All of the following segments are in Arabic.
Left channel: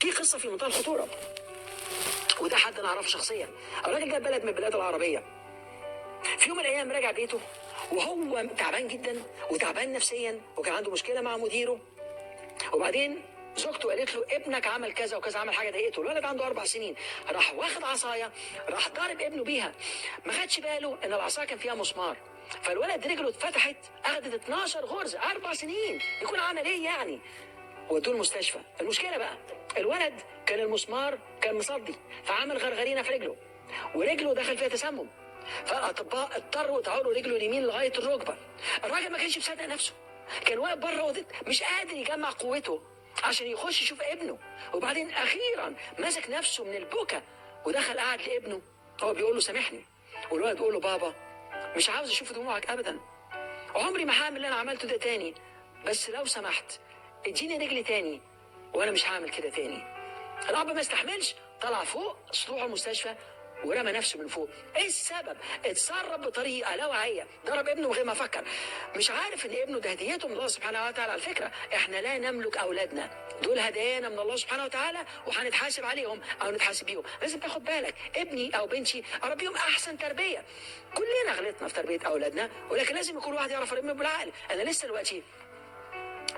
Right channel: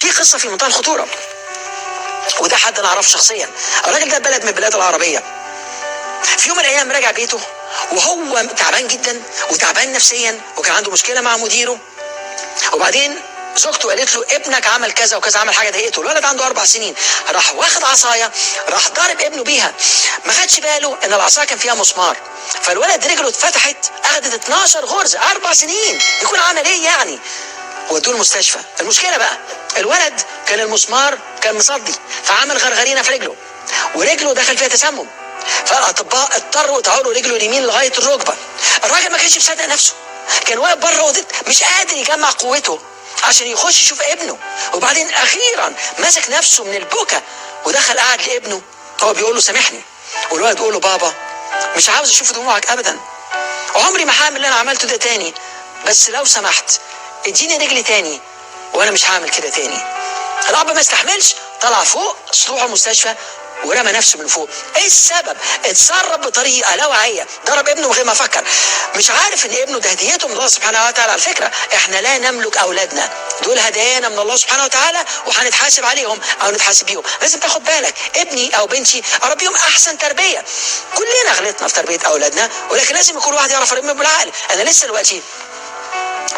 في قصه في منتهى الخطوره، وده حد انا اعرفه شخصيا. الراجل ده بلد من البلاد العربيه. في يوم من الايام راجع بيته وهو تعبان جدا وتعبان نفسيا، وكان عنده مشكله مع مديره. وبعدين زوجته قالت له ابنك عمل كذا وكذا، عمل حاجه ضايقته. الولد عنده 4 سنين، راح واخد عصايه راح ضارب ابنه بيها. ما خدش باله ان العصايه كان فيها مسمار، فالولد رجله اتفتحت، اخدت 12 غرزه. 4 سنين يكون عمل ايه يعني؟ ودوه المستشفى. المشكله بقى الولد كان المسمار كان مصدي، فعمل غرغرينه في رجله، ورجله دخل فيها تسمم. فالاطباء اضطروا يطعوا رجله اليمين لغايه الركبه. الراجل ما كانش مصدق نفسه، كان واقف بره اوضه مش قادر يجمع قوته عشان يخش يشوف ابنه. وبعدين اخيرا مسك نفسه من البكا ودخل قعد لابنه. هو بيقول له سامحني، والولد بيقول له بابا مش عاوز اشوف دموعك ابدا، وعمري ما هعمل اللي انا عملته ده تاني، بس لو سمحت اديني رجلي تاني وانا مش هعمل كده تاني. الاب ما استحملش، طلع فوق سطوح المستشفى ورمى نفسه من فوق. ايه السبب؟ اتصرف بطريقه لا واعيه، ضرب ابنه من غير ما افكر. مش عارف ان ابنه ده هديته من الله سبحانه وتعالى. على فكره احنا لا نملك اولادنا، دول هدايانا من الله سبحانه وتعالى، وهنتحاسب عليهم او نتحاسب بيهم. لازم تاخد بالك، ابني او بنتي اربيهم احسن تربيه. كلنا غلطنا في تربيه اولادنا، ولكن لازم يكون واحد يعرف يربيهم بالعقل. انا لسه دلوقتي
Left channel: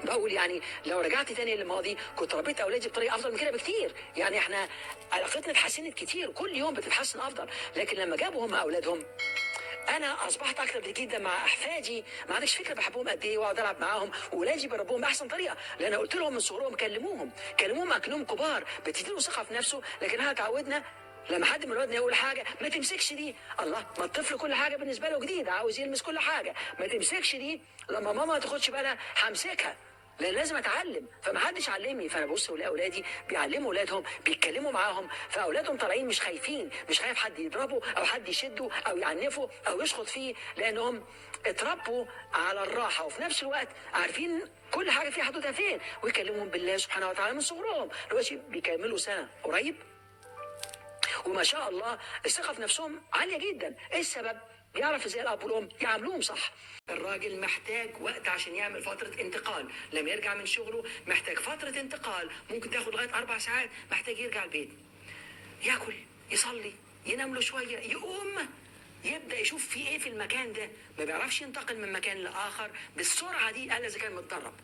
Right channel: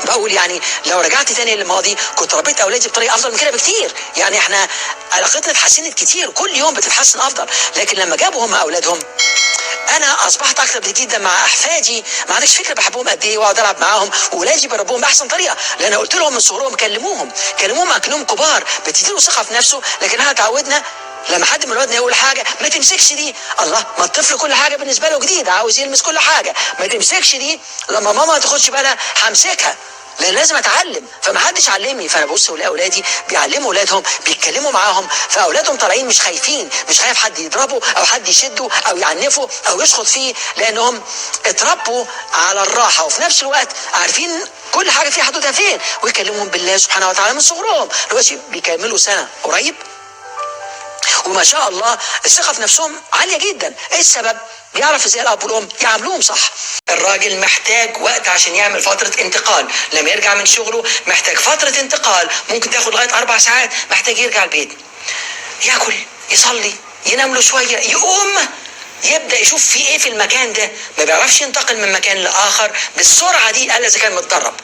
بقول يعني لو رجعت تاني للماضي كنت ربيت اولادي بطريقه افضل من كده بكتير. يعني احنا علاقتنا اتحسنت كتير، كل يوم بتتحسن افضل. لكن لما جابوا هم اولادهم انا اصبحت اكتر جدا مع احفادي. ما عندكش فكره بحبهم قد ايه، واقعد العب معاهم، واولادي بربوهم باحسن طريقه، لان قلت لهم من صغرهم كلموهم اكنهم كبار، بتديله ثقه في نفسه. لكن احنا اتعودنا لما حد من ولادنا يقول حاجه ما تمسكش دي. الله، ما الطفل كل حاجه بالنسبه له جديد، عاوز يلمس كل حاجه. ما تمسكش دي، لما ماما ما تاخدش بالها همسكها، لان لازم اتعلم. فما حدش علمني، فانا ببص لاولادي بيعلموا اولادهم، بيتكلموا معاهم، فاولادهم طالعين مش خايفين، مش خايف حد يضربه او حد يشده او يعنفه او يشخط فيه، لانهم اتربوا على الراحه، وفي نفس الوقت عارفين كل حاجه فيها حدودها فين، ويكلمهم بالله سبحانه وتعالى من صغرهم. دلوقتي بيكملوا سنه قريب، وما شاء الله الثقه في نفسهم عاليه جدا. ايه السبب؟ بيعرف ازاي الاب والام يعاملوهم صح. الراجل محتاج وقت عشان يعمل فتره انتقال، لما يرجع من شغله محتاج فتره انتقال ممكن تاخد لغايه 4 ساعات. محتاج يرجع البيت، ياكل، يصلي، ينام له شويه، يقوم يبدا يشوف في ايه في المكان ده. ما بيعرفش ينتقل من مكان لاخر بالسرعه دي الا اذا كان متدرب.